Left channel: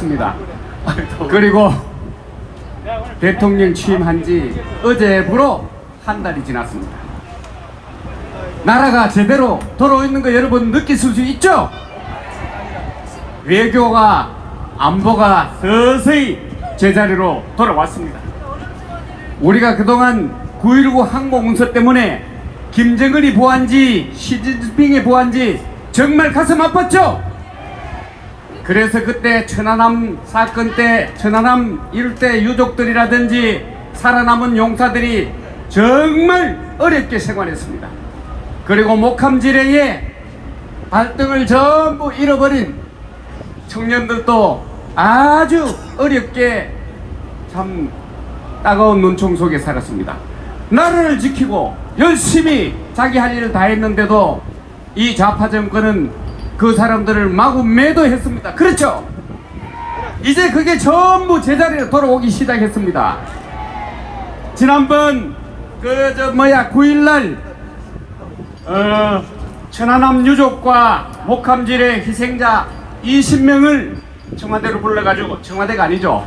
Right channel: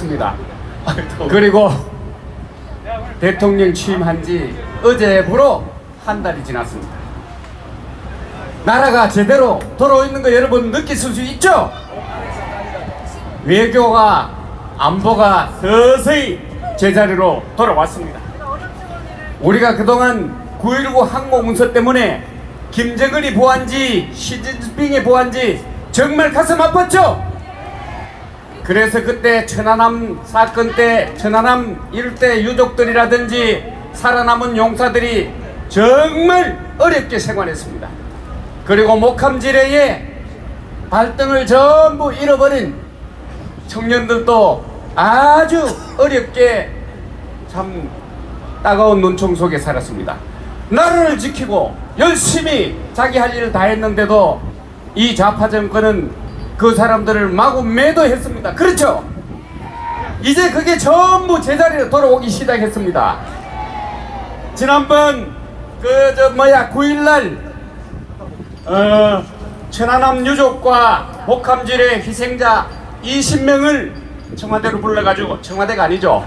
살았습니다. 그리고 대통령 취임한 지 어제부로 한 달이 지났습니다. 나라가 제대로 돌아오는 거 여러분 느끼실 수 있죠? 외교와 안보가 서서히 제자리로 돌아왔습니다. 우리가 그동안 9.19 항공문서 때문에 김정은이 보안지 시진핑이 보안지 정말 가슴 아팠죠? 그래서 그때 천안함 사건 때 천안함 일대 유족들이라든지 살아남은 용사들이 정말 어렵게 생활했습니다. 그리고 목함지뢰에 발등을 전부 잃어버린 청년들도 아주 어렵게 참 따가운 눈총 속에 살았습니다. 나라를 지키고 열심히 자기 할 일을 다 했는데도 이 좌파 정권은 그 사람들을 마구 매도했습니다. 그렇죠? 이제 그게 전부 제자리로 돌아오기 시작했습니다. 지난번 9일날 천안함 유족과 목함질의 희생자 20명을 청와대로 불러가지고, 청와대가 아니죠,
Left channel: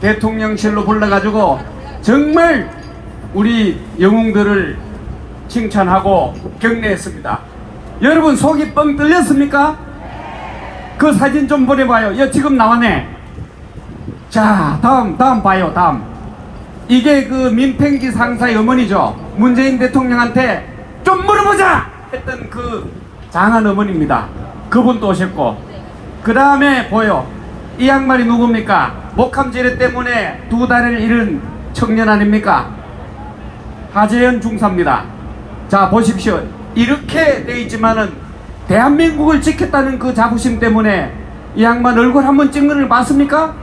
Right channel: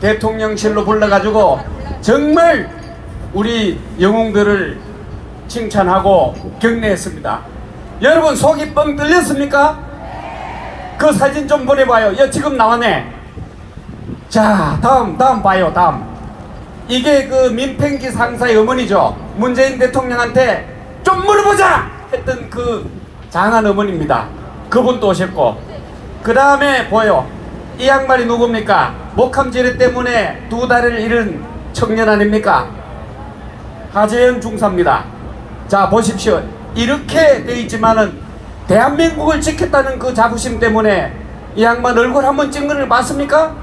대통령실로 불러가지고 정말 우리 영웅들을 칭찬하고 격려했습니다. 여러분 속이 뻥 뚫렸습니까? 그 사진 좀 보내봐요. 야, 지금 나왔네. 자, 다음 봐요. 다음. 이게 그 민팽기 상사의 어머니죠. 문재인 대통령한테 좀 물어보자 했던 그 장한 어머니입니다. 그분도 오셨고, 그 다음에 보여. 이 양반이 누굽니까? 목함지뢰 때문에 2달을 잃은 청년 아닙니까? 하재현 중사입니다. 자, 보십시오. 이렇게 돼 있지만은 대한민국을 지켰다는 그 자부심 때문에 이 양반 얼굴 한번 찍는 걸 봤습니까?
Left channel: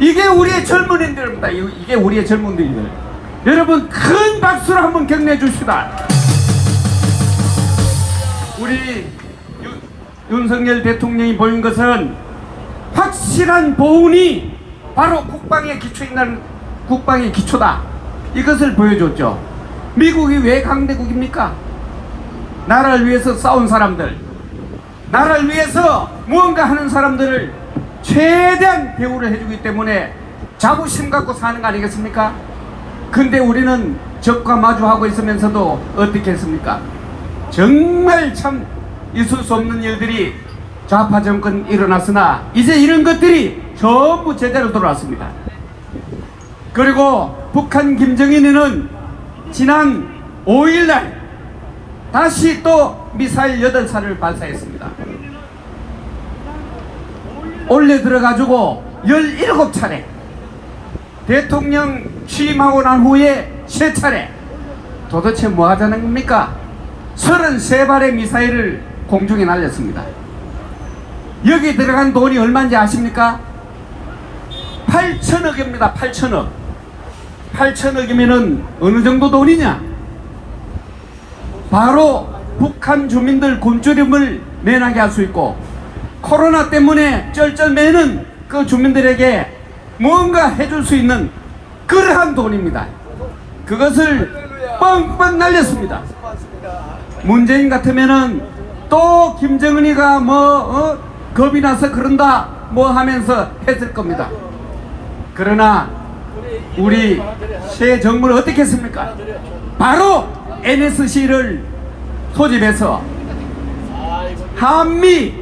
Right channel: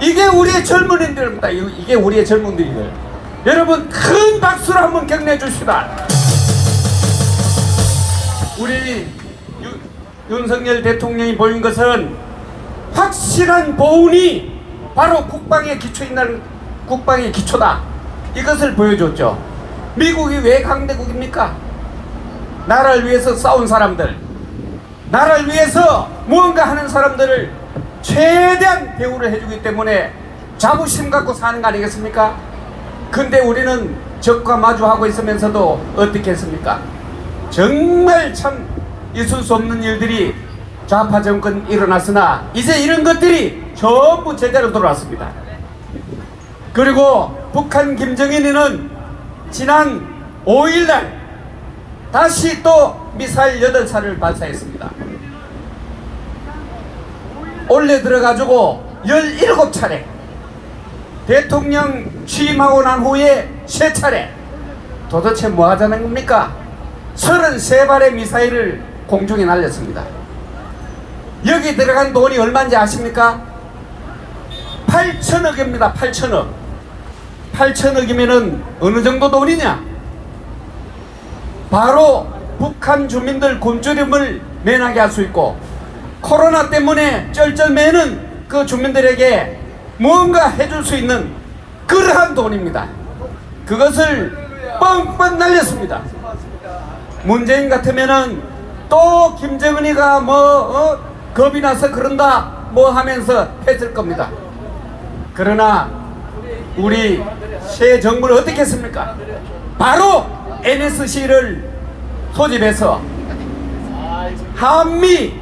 이게 우리의 젊은이들입니다. 이게 우리의 젊은이들. 여러분 큰 박수로 한번 격려해 주시다. 우리 윤석열 대통령이 보인 것은 확실한 보훈이 바로 국방에 기초 있는 국방의 기초다. 이것을 보여줬죠. 미국이 왜 강대국입니까? 나라를 위해서 싸운 사람들, 나라를 위해서 무언가 하는 사람들을 최대한 배우를 해주기 때문에 자부심 갖고 사는 거 아니겠습니까? 근데 우리는 적과 마주하고 있으면서도 어떻게 했습니까? 정말 참 있을 수 없는 일들이 좌파 정권 일어났으나 이제 이런 것들이 전부 제대로 돌아왔습니다. 그리고 북한 김정은이는 지난 5일날 다시 또 미사일 8발을 발사했습니다. 올려 들어가지고 17차례, 대통령 취임하고 난 후에 3차례. 도대체 뭐 하자는 겁니까? 33발의 미사일을 공중에 날렸습니다. 여기 들어간 돈이 얼마인지 아십니까? 8천억입니다. 8천억. 8천억이면은 어느 정도 돈이냐? 바로 북한 주민들 굶주림을 면하게 할 수 있고, 코로나 때문에 쩔쩔매는 그 주민들에게 무언가 해줄 수 있는 그러한 돈입니다. 그것을 뻥뻥 날렸습니다. 문재인 같으면은 또 김정은이가 겁이 나서 그런다 뭐 하면서 했을 겁니다. 그러나 우리 새 정부는 어떻게 했습니까? 바로 NSC를 소집해서 한미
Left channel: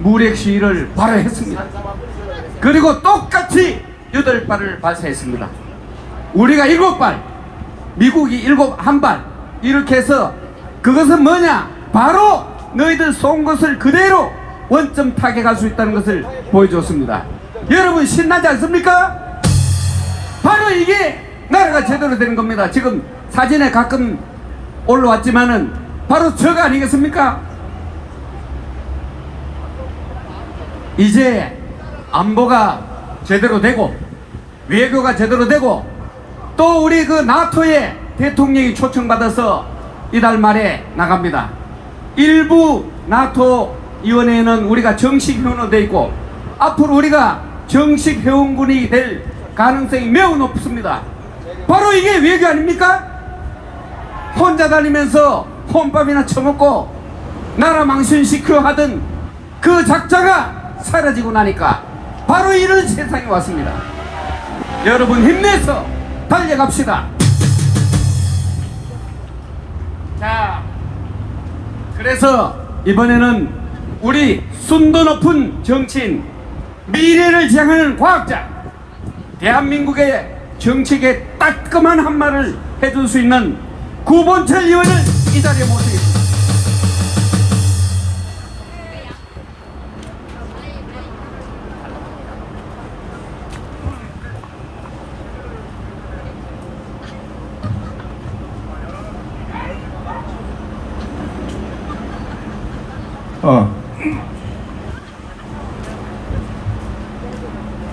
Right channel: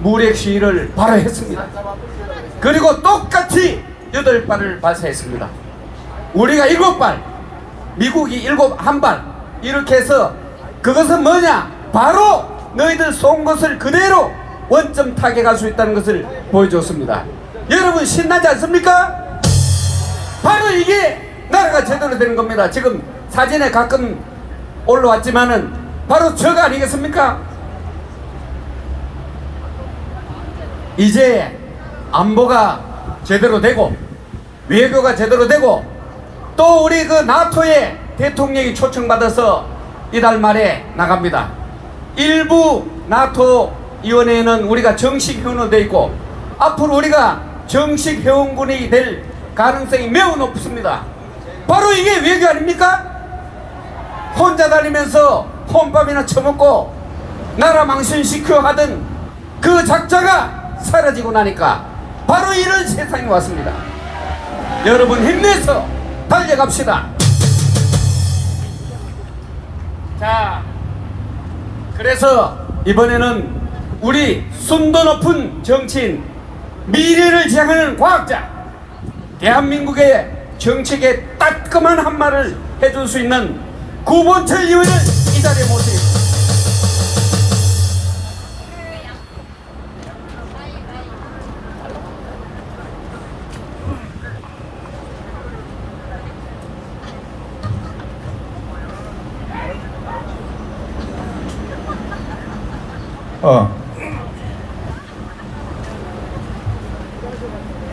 무력 시위를 바로 했습니다. 그리고 똑같이 8발을 발사했습니다. 우리가 7발, 미국이 1발 이렇게 해서 그것은 뭐냐? 바로 너희들 쏜 것을 그대로 원점 타격할 수 있다는 것을 보여줬습니다. 여러분 신나지 않습니까? 바로 이게 나라가 제대로 된 겁니다. 지금 사진에 가끔 올라왔지만은 바로 저거 아니겠습니까? 이제 안보가 제대로 되고 외교가 제대로 되고 또 우리 그 나토에 대통령이 초청받아서 이달 말에 나갑니다. 일부 나토 위원회에는 우리가 정식 회원으로 되어 있고 앞으로 우리가 정식 회원군이 될 가능성이 매우 높습니다. 바로 이게 외교 아닙니까? 혼자 다니면서 혼밥이나 처먹고 나라 망신시켜 하던 그 작자가 사라지고 나니까 바로 이런 세상이 왔습니다. 여러분 힘내서 달려갑시다. 자, 그래서 이번에는 우리 순도 높은 정치인, 미래를 지향하는 과학자, 대한민국의 정책에 따끔한 한마를 해줄 수 있는 구본철 의원을 이 자리에 모십니다.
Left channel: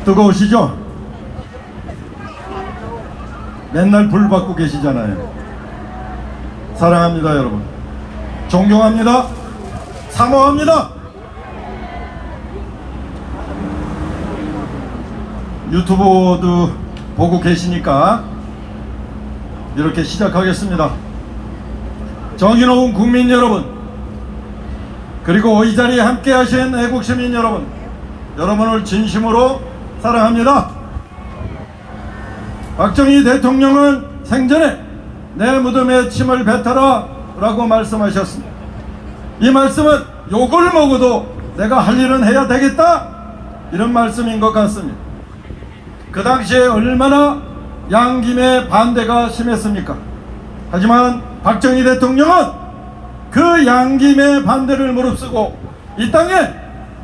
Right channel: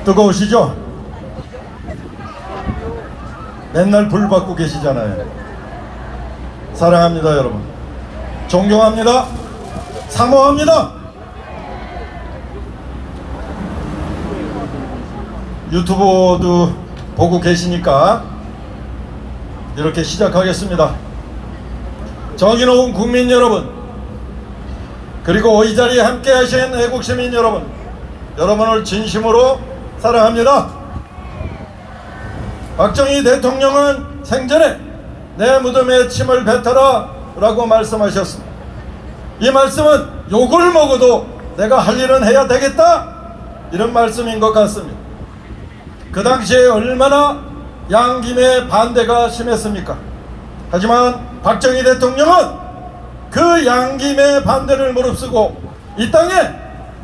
뜨거우시죠? 맨날 불 받고 계시잖아요. 사랑합니다 여러분. 존경합니다. 사모합니다. 유튜브도 보고 계시니까 이렇게 시작하겠습니다. 정의로운 국민 여러분, 그리고 이 자리에 함께 하신 애국시민 여러분, 여러분을 진심으로 사랑합니다. 박정희 대통령은 생전에 내 무덤에 침을 뱉어라 라고 말씀하셨습니다. 이 말씀은 욕을 먹어도 내가 할 일은 해야 되겠다, 이런 말씀인 것 같습니다. 그 당시에 얼마나 양김의 반대가 심했습니까? 하지만 박정희 대통령은 그 양김의 반대를 무릅쓰고 이 땅에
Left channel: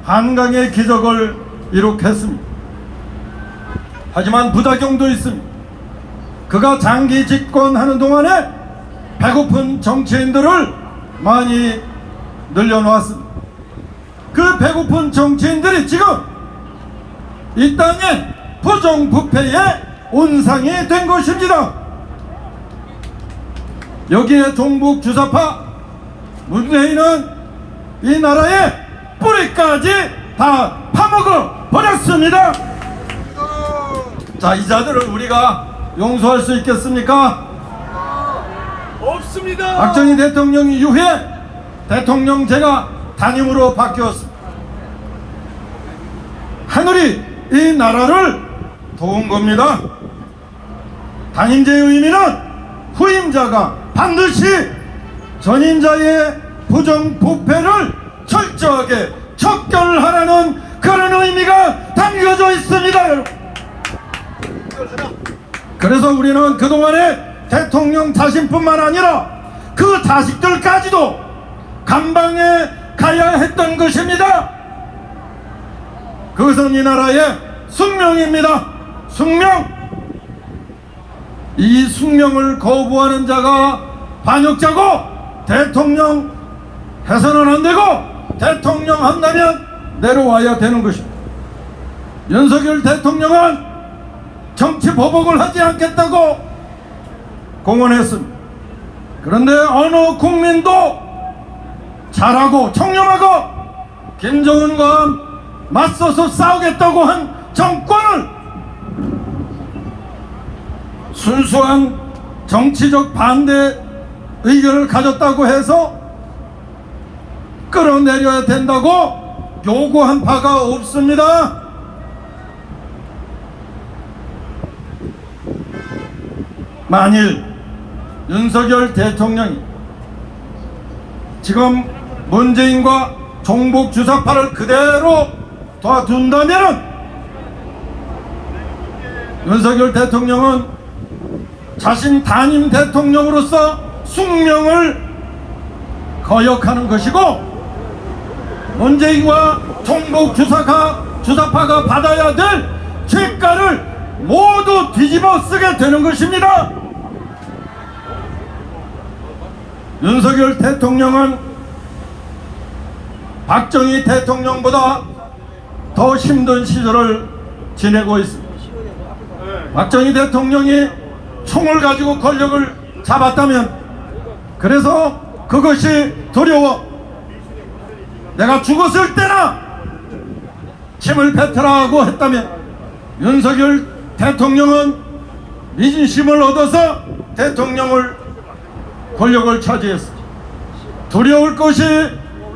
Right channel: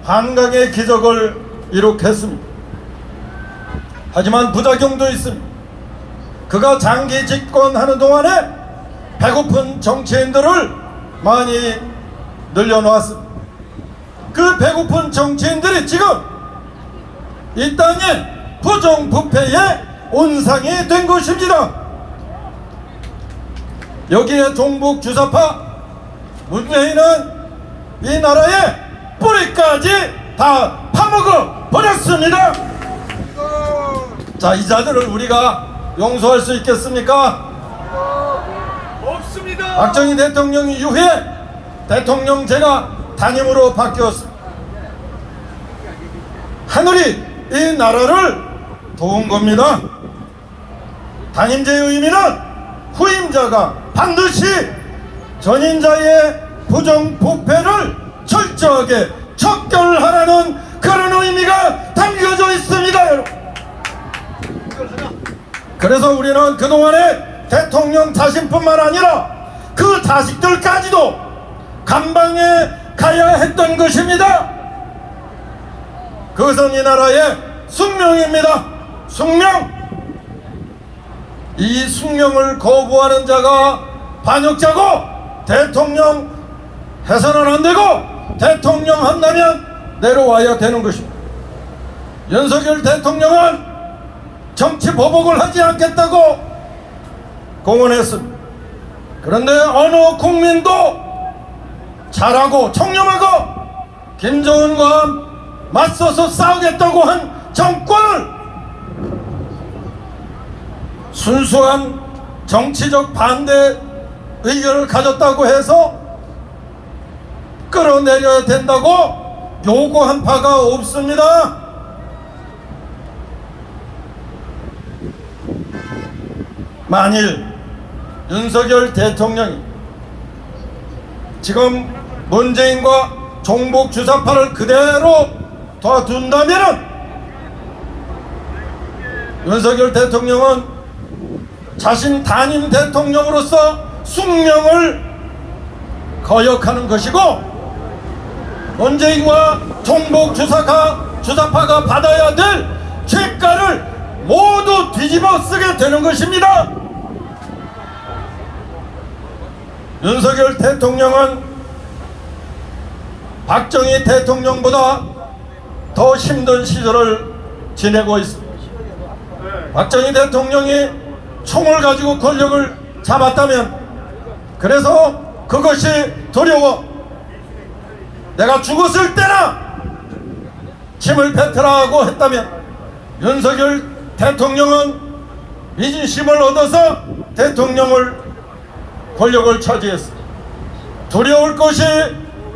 한강의 기적을 이룩했습니다. 하지만 부작용도 있습니다. 그가 장기 집권하는 동안에 배고픈 정치인들을 많이 늘려놓았습니다. 그 배고픈 정치인들이 지금 이 땅에 부정부패의 온상이 된 것입니다. 여기에 종북 주사파 문재인은 이 나라의 뿌리까지 다 파먹어 버렸습니다. 자, 이 자들을 우리가 용서할 수 있겠습니까? 없습니다. 박정희 대통령 이후에 대통령제가 단임으로 바뀌었습니다. 하늘이 이 나라를 도운 겁니다. 단임제의 의미는 후임자가 반드시 전임자의 부정부패를 철저하게 척결을 하라는 그런 의미가 담겨져 있습니다. 그래서 우리는 그동안에 대통령 자신뿐만 아니라 그 자식들까지도 감방에 가야 했던 것입니다. 그것은 이 나라의 숙명입니다. 숙명. 이 숙명을 거부하는 자가 반역자고, 대통령 해서는 안 되고 대통령 한다면 내려와야 되는 것입니다. 윤석열 대통령은 정치 보복을 하지 않겠다고 공언했습니다. 그런데 어느 국민도 잘하고 청렴하고 김정은과 맞서서 싸우겠다고 한 정권을 순수한 정치적 반대 의견을 가졌다고 해서 끌어내려야 된다고 요구한 바가 없습니다. 만일 윤석열 대통령이 지금 문재인과 종북 주사파를 그대로 둬둔다면 윤석열 대통령은 자신 단임 대통령으로서 숙명을 거역하는 것이고, 문재인과 종북 주사파가 받아야 될 죄가를 모두 뒤집어 쓰게 되는 것입니다. 윤석열 대통령은 박정희 대통령보다 더 힘든 시절을 지내고 있습니다. 박정희 대통령이 총을 가지고 권력을 잡았다면, 그래서 그것이 두려워 내가 죽었을 때나 침을 뱉으라고 했다면, 윤석열 대통령은 민심을 얻어서 대통령을 권력을 차지했습니다. 두려울 것이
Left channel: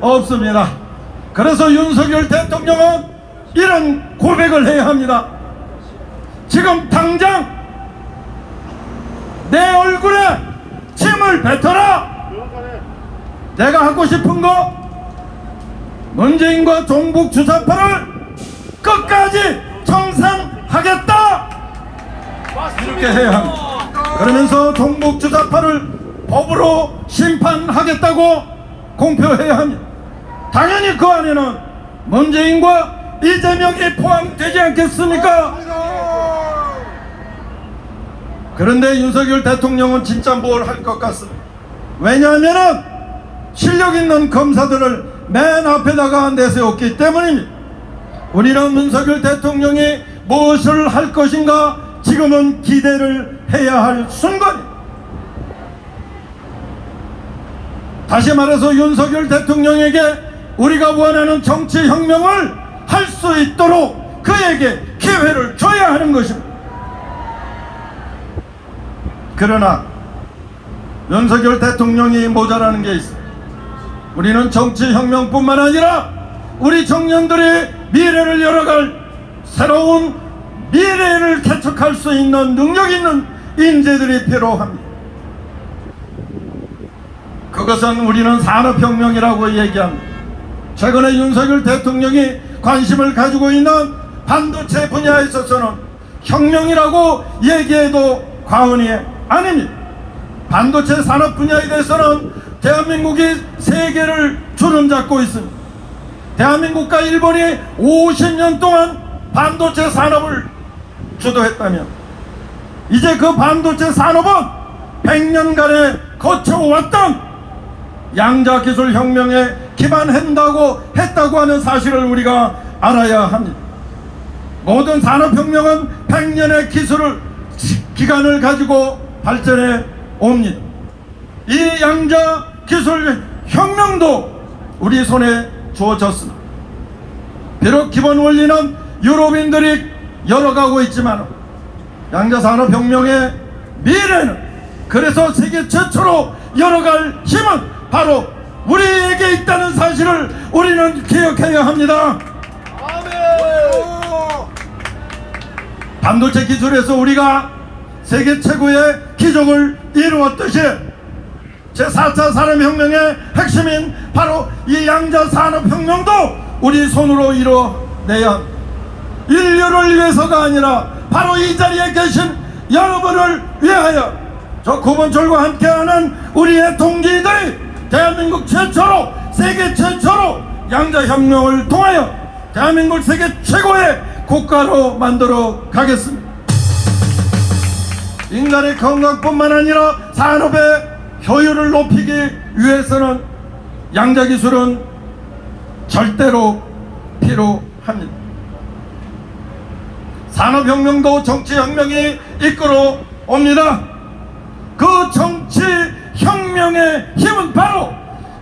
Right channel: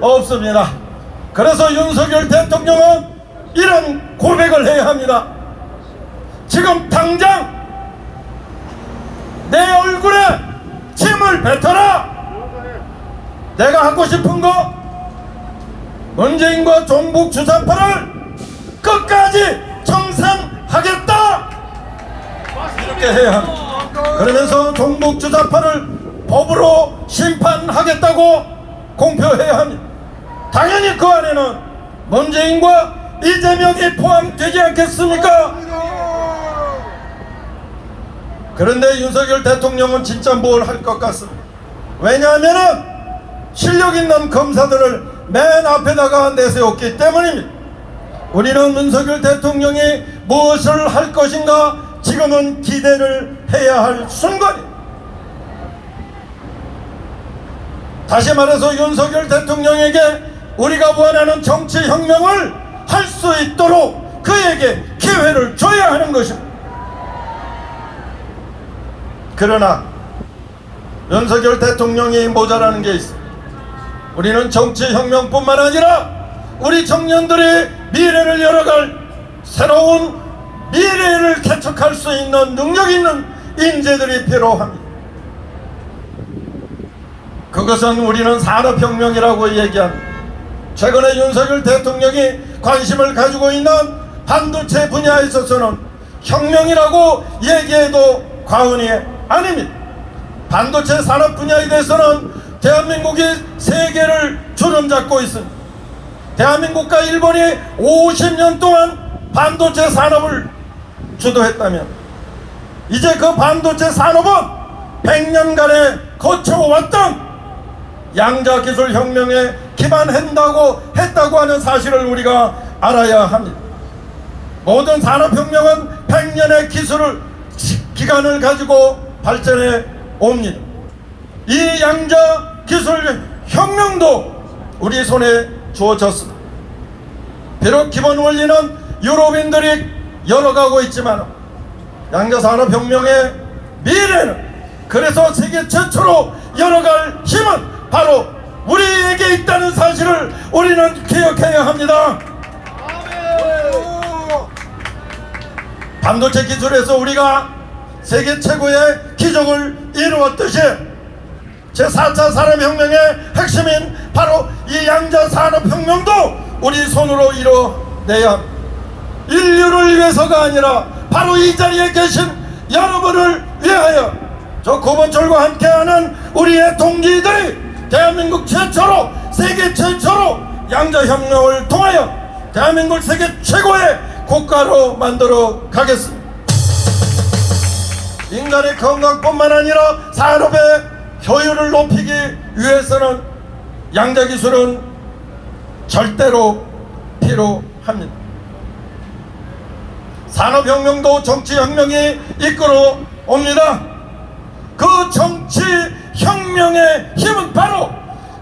없습니다. 그래서 윤석열 대통령은 이런 고백을 해야 합니다. 지금 당장 내 얼굴에 침을 뱉어라. 내가 하고 싶은 거 문재인과 종북 주사파를 끝까지 청산하겠다 이렇게 해야 합니다. 그러면서 종북 주사파를 법으로 심판하겠다고 공표해야 합니다. 당연히 그 안에는 문재인과 이재명이 포함되지 않겠습니까? 그런데 윤석열 대통령은 진짜 뭘 할 것 같습니다. 왜냐하면 실력 있는 검사들을 맨 앞에다가 내세웠기 때문입니다. 우리는 윤석열 대통령이 무엇을 할 것인가 지금은 기대를 해야 할 순간입니다. 다시 말해서 윤석열 대통령에게 우리가 원하는 정치혁명을 할 수 있도록 그에게 기회를 줘야 하는 것입니다. 그러나 윤석열 대통령이 모자라는 게 있습니다. 우리는 정치혁명뿐만 아니라 우리 청년들의 미래를 열어갈 새로운 미래를 개척할 수 있는 능력 있는 인재들이 필요합니다. 그것은 우리는 산업혁명이라고 얘기합니다. 최근에 윤석열 대통령이 관심을 가지고 있는 반도체 분야에 있어서는 혁명이라고 얘기해도 과언이 아닙니다. 반도체 산업 분야에 대해서는 대한민국이 세계를 주름잡고 있습니다. 대한민국과 일본이 50년 동안 반도체 산업을 주도했다면 이제 그 반도체 산업은 100년간에 거쳐왔던 양자기술혁명에 기반했다고 하는 사실을 우리가 알아야 합니다. 모든 산업혁명은 100년의 기간을 가지고 발전해 옵니다. 이 양자기술혁명도 우리 손에 주어졌습니다. 비록 기본 원리는 유럽인들이 열어가고 있지만 양자산업혁명의 미래는 그래서 세계 최초로 열어갈 힘은 바로 우리에게 있다는 사실을 우리는 기억해야 합니다. 반도체 기술에서 우리가 세계 최고의 기적을 이루었듯이 제4차 산업혁명의 핵심인 바로 이 양자산업혁명도 우리 손으로 이뤄내야 합니다. 인류를 위해서가 아니라 바로 이 자리에 계신 여러분을 위하여 저 고번철과 함께하는 우리의 동지들이 대한민국 최초로 세계 최초로 양자혁명을 통하여 대한민국을 세계 최고의 국가로 만들어 가겠습니다. 인간의 건강뿐만 아니라 산업의 효율을 높이기 위해서는 양자기술은 절대로 필요합니다. 산업혁명도 정치혁명이 이끌어 옵니다. 그 정치혁명의 힘은 바로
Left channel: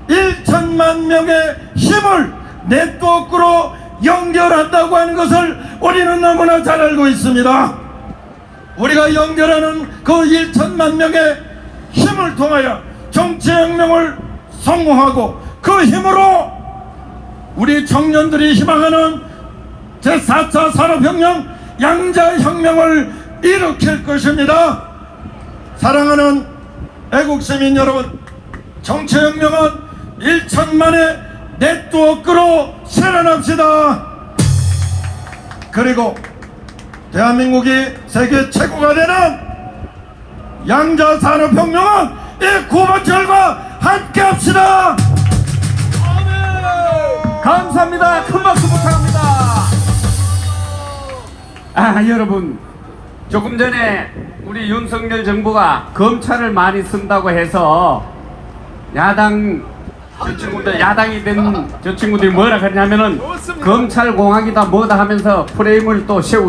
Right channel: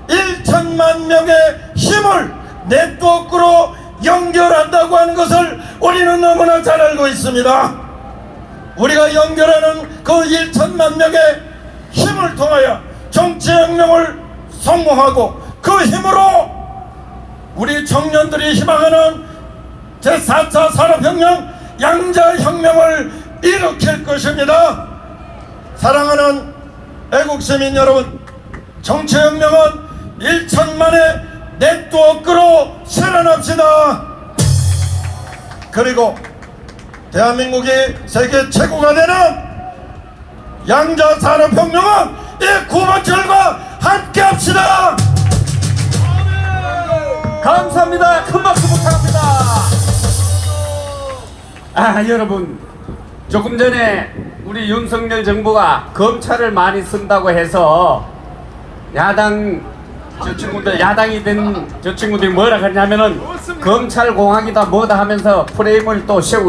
1천만 명의 힘을 네트워크로 연결한다고 하는 것을 우리는 너무나 잘 알고 있습니다. 우리가 연결하는 그 1천만 명의 힘을 통하여 정치혁명을 성공하고 그 힘으로 우리 청년들이 희망하는 제4차 산업혁명 양자혁명을 일으킬 것입니다. 사랑하는 애국시민 여러분, 정치혁명은 1천만의 네트워크로 실현합시다. 그리고 대한민국이 세계 최고가 되는 양자산업혁명은 이 구본철과 함께합시다. 감사합니다. 큰 박수 부탁합니다. 여러분, 조금 전에 우리 윤석열 정부가 검찰을 많이 쓴다고 해서 야당이 된 저 친구들이 뭐라 그러냐면은 검찰 공학이다 뭐다 하면서 프레임을 또 세우고